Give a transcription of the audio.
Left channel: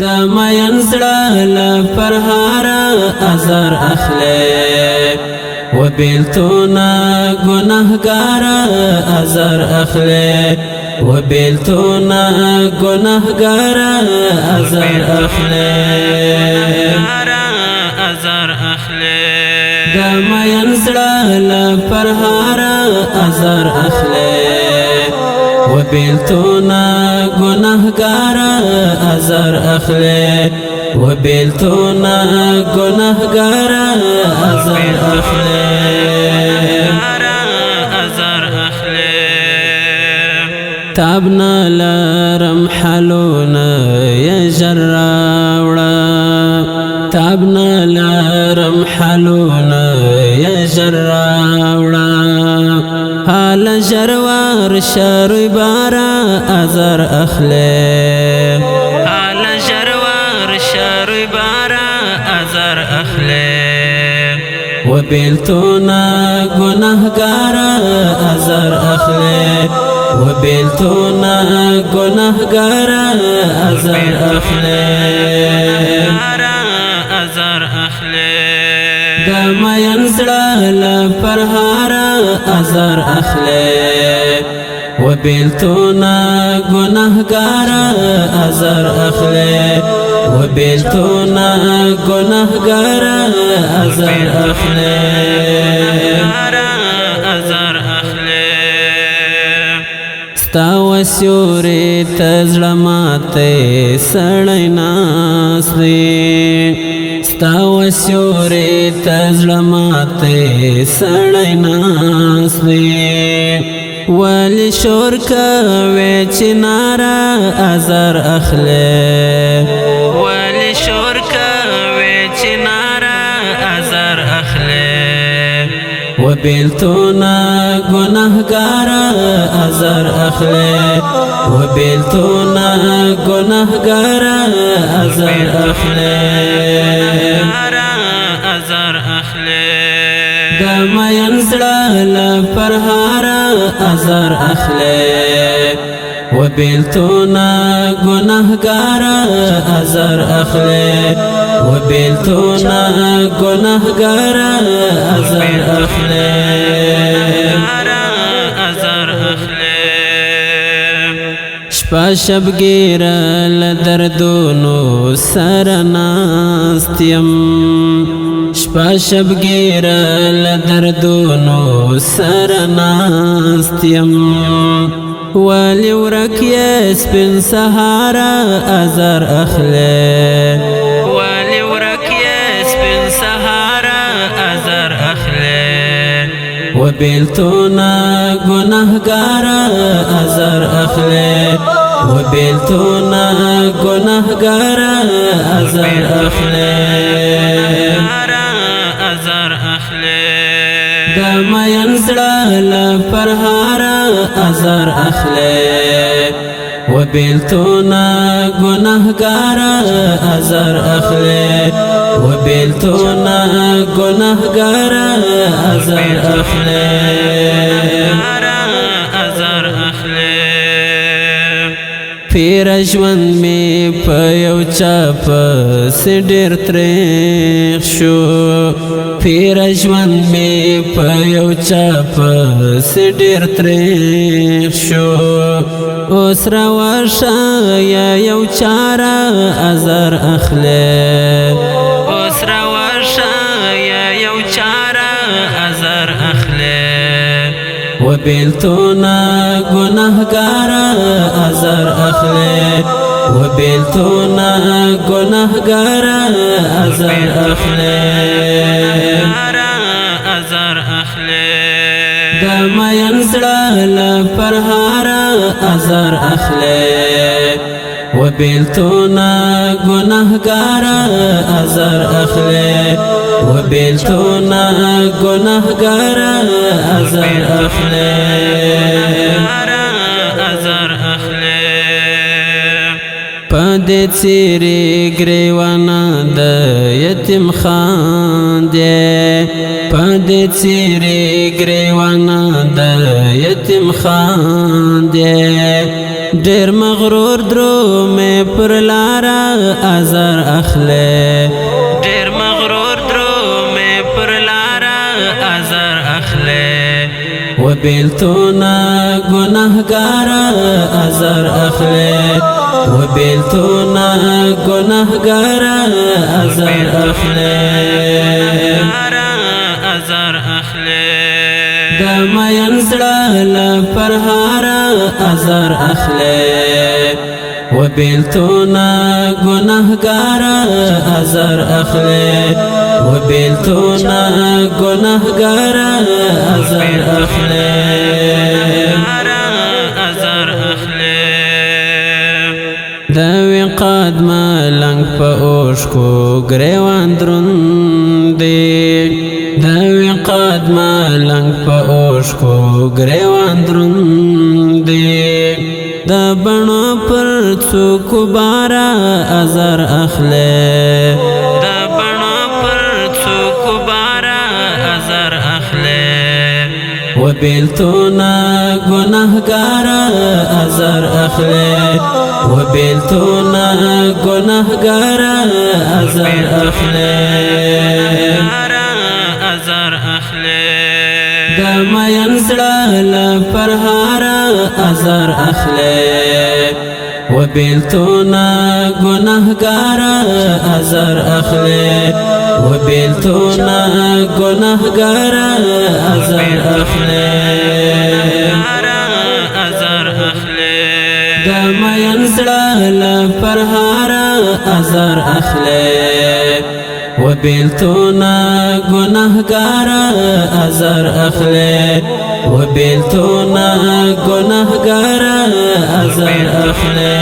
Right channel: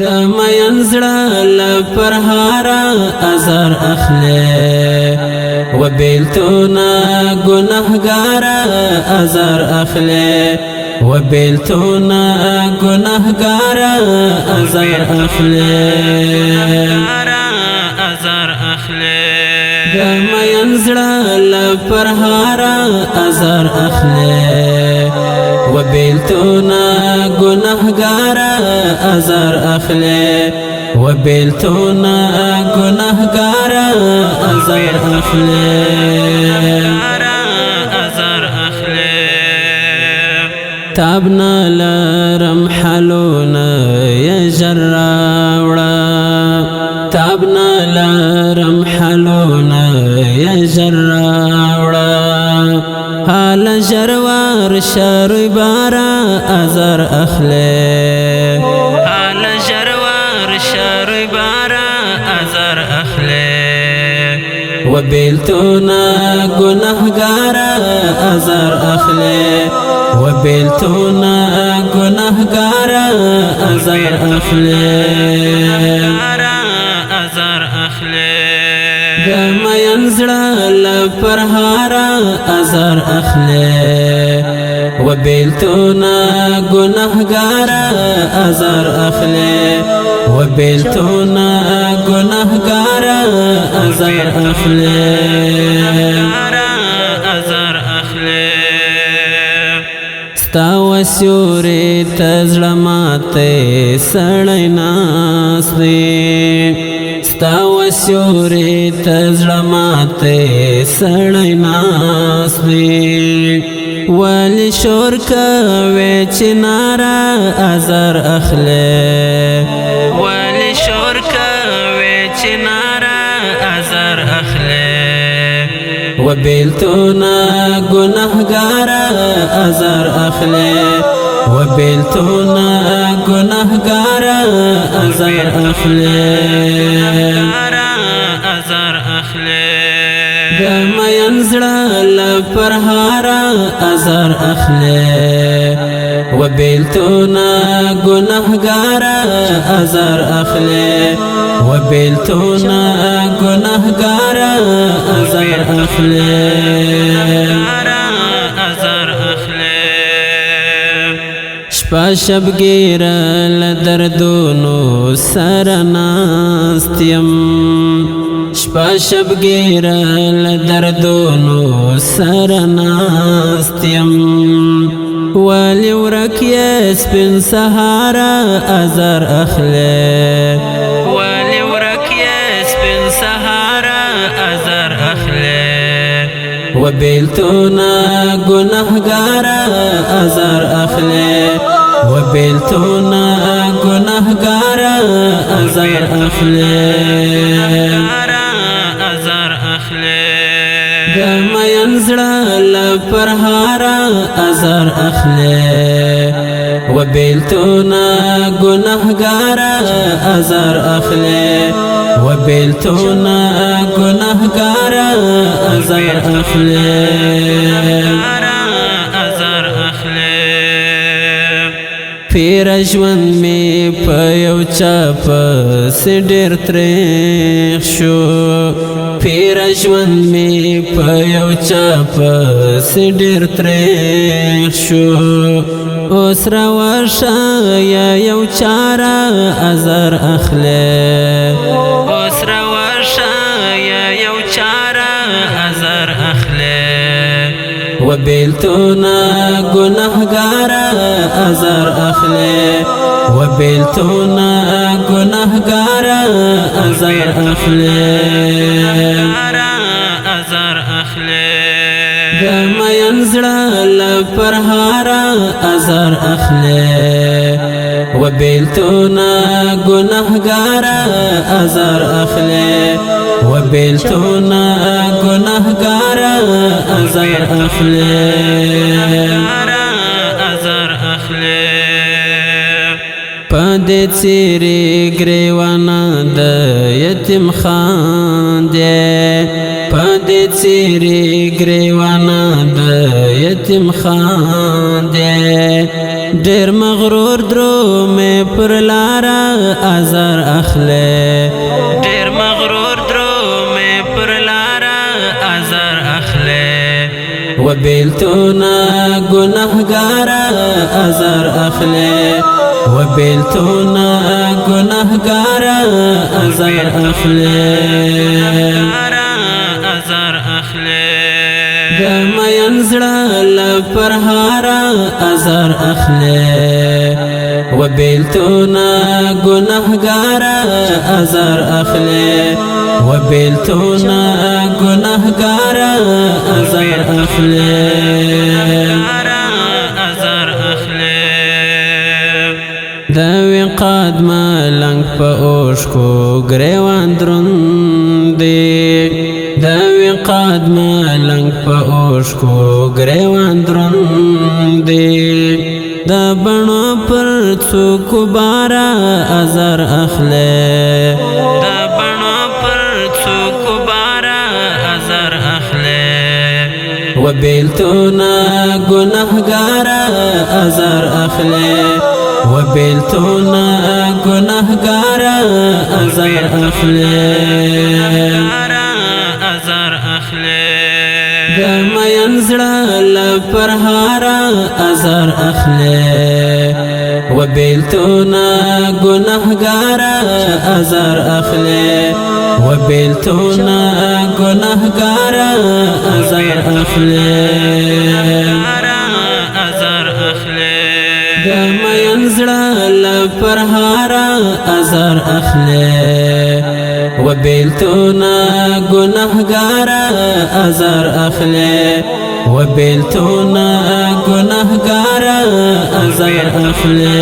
دا مین زړه له پرهاره ازار اخلي و بیلتونه ګناهګاره ازار اخلي و بیلتونه ګناهګاره ازار اخلي دا مین زړه له پرهاره ازار اخلي و بیلتونه ګناهګاره ازار اخلي و بیلتونه ګناهګاره ازار اخلي تابنا لرم حلونا يا جراوڑا تابنا لرم حلونا يا جراوڑا حال جروار شروع بارا ازار اخلي حال جروار شروع بارا ازار اخلي و بیلتونه ګناهګاره ازار اخلي و بیلتونه ګناهګاره ازار اخلي دا مین زړه له پرهاره ازار اخلي و بیلتونه ګناهګاره ازار اخلي و بیلتونه ګناهګاره ازار اخلي ستا وسیوري تزړه ماته سړی ناس دی ستا وسیوري تزړه ماته سړی ناس دی ولی شور کوي چې ناره ازار اخلي ولی شور کوي چې ناره ازار اخلي و بیلتونه ګناهګاره ازار اخلي و بیلتونه ګناهګاره ازار اخلي دا مین زړه له پرهاره ازار اخلي و بیلتونه ګناهګاره ازار اخلي و بیلتونه ګناهګاره ازار اخلي شپه شبګیره له دردونو سره ناست یم شپه شبګیره له دردونو سره ناست یم ولی ورک یې سپین سهاره ازار اخلي ولی ورک یې سپین سهاره ازار اخلي و بیلتونه ګناهګاره ازار اخلي و بیلتونه ګناهګاره ازار اخلي دا مین زړه له پرهاره ازار اخلي و بیلتونه ګناهګاره ازار اخلي و بیلتونه ګناهګاره ازار اخلي پیر ژوند می په یو چا پسې ډېر تریخ شو پیر ژوند می په یو چا پسې ډېر تریخ شو اوس راورشه یو چاره ازار اخلي اوس راورشه یو چاره ازار اخلي و بیلتونه ګناهګاره ازار اخلي و بیلتونه ګناهګاره ازار اخلي دا مین زړه له پرهاره ازار اخلي و بیلتونه ګناهګاره ازار اخلي و بیلتونه ګناهګاره ازار اخلي پدې څیرې ګریوانه د یتیم خان دی پدې څیرې ګریوانه د یتیم خان دی ډیر مغرور درو میں پر لارا ازار اخلے ډیر مغرور درو میں پر لارا ازار اخلے و بیلتونا گناہگارا ازار اخلے و بیلتونا گناہگارا ازار اخلے ازار اخلے دما ینزڑا لپرہارا ازار اخلے و بیلتونا گناہگارا ازار اخلے و بیلتونا گناہگارا ازار اخلے ازار اخلے دوی قدما لنگ پا اوشکو گریوان درندی دوی قدما لنگ پا اوشکو گریوان درندی دا بنو پر څوکو بارا ازار اخلے دا بنو پر څوکو بارا ازار اخلے و بیلتونا گناہگارا ازار اخلے و بیلتونا گناہگارا ازار اخلے ازار اخلے دما ینزڑا لپرہارا ازار اخلے و بیلتونا گناہگارا ازار اخلے و بیلتونا گناہگارا ازار اخلے ازار اخلے دما ینزڑا لپرہارا ازار اخلے و بیلتونا گناہگارا ازار اخلے و بیلتونا گناہگارا ازار اخلے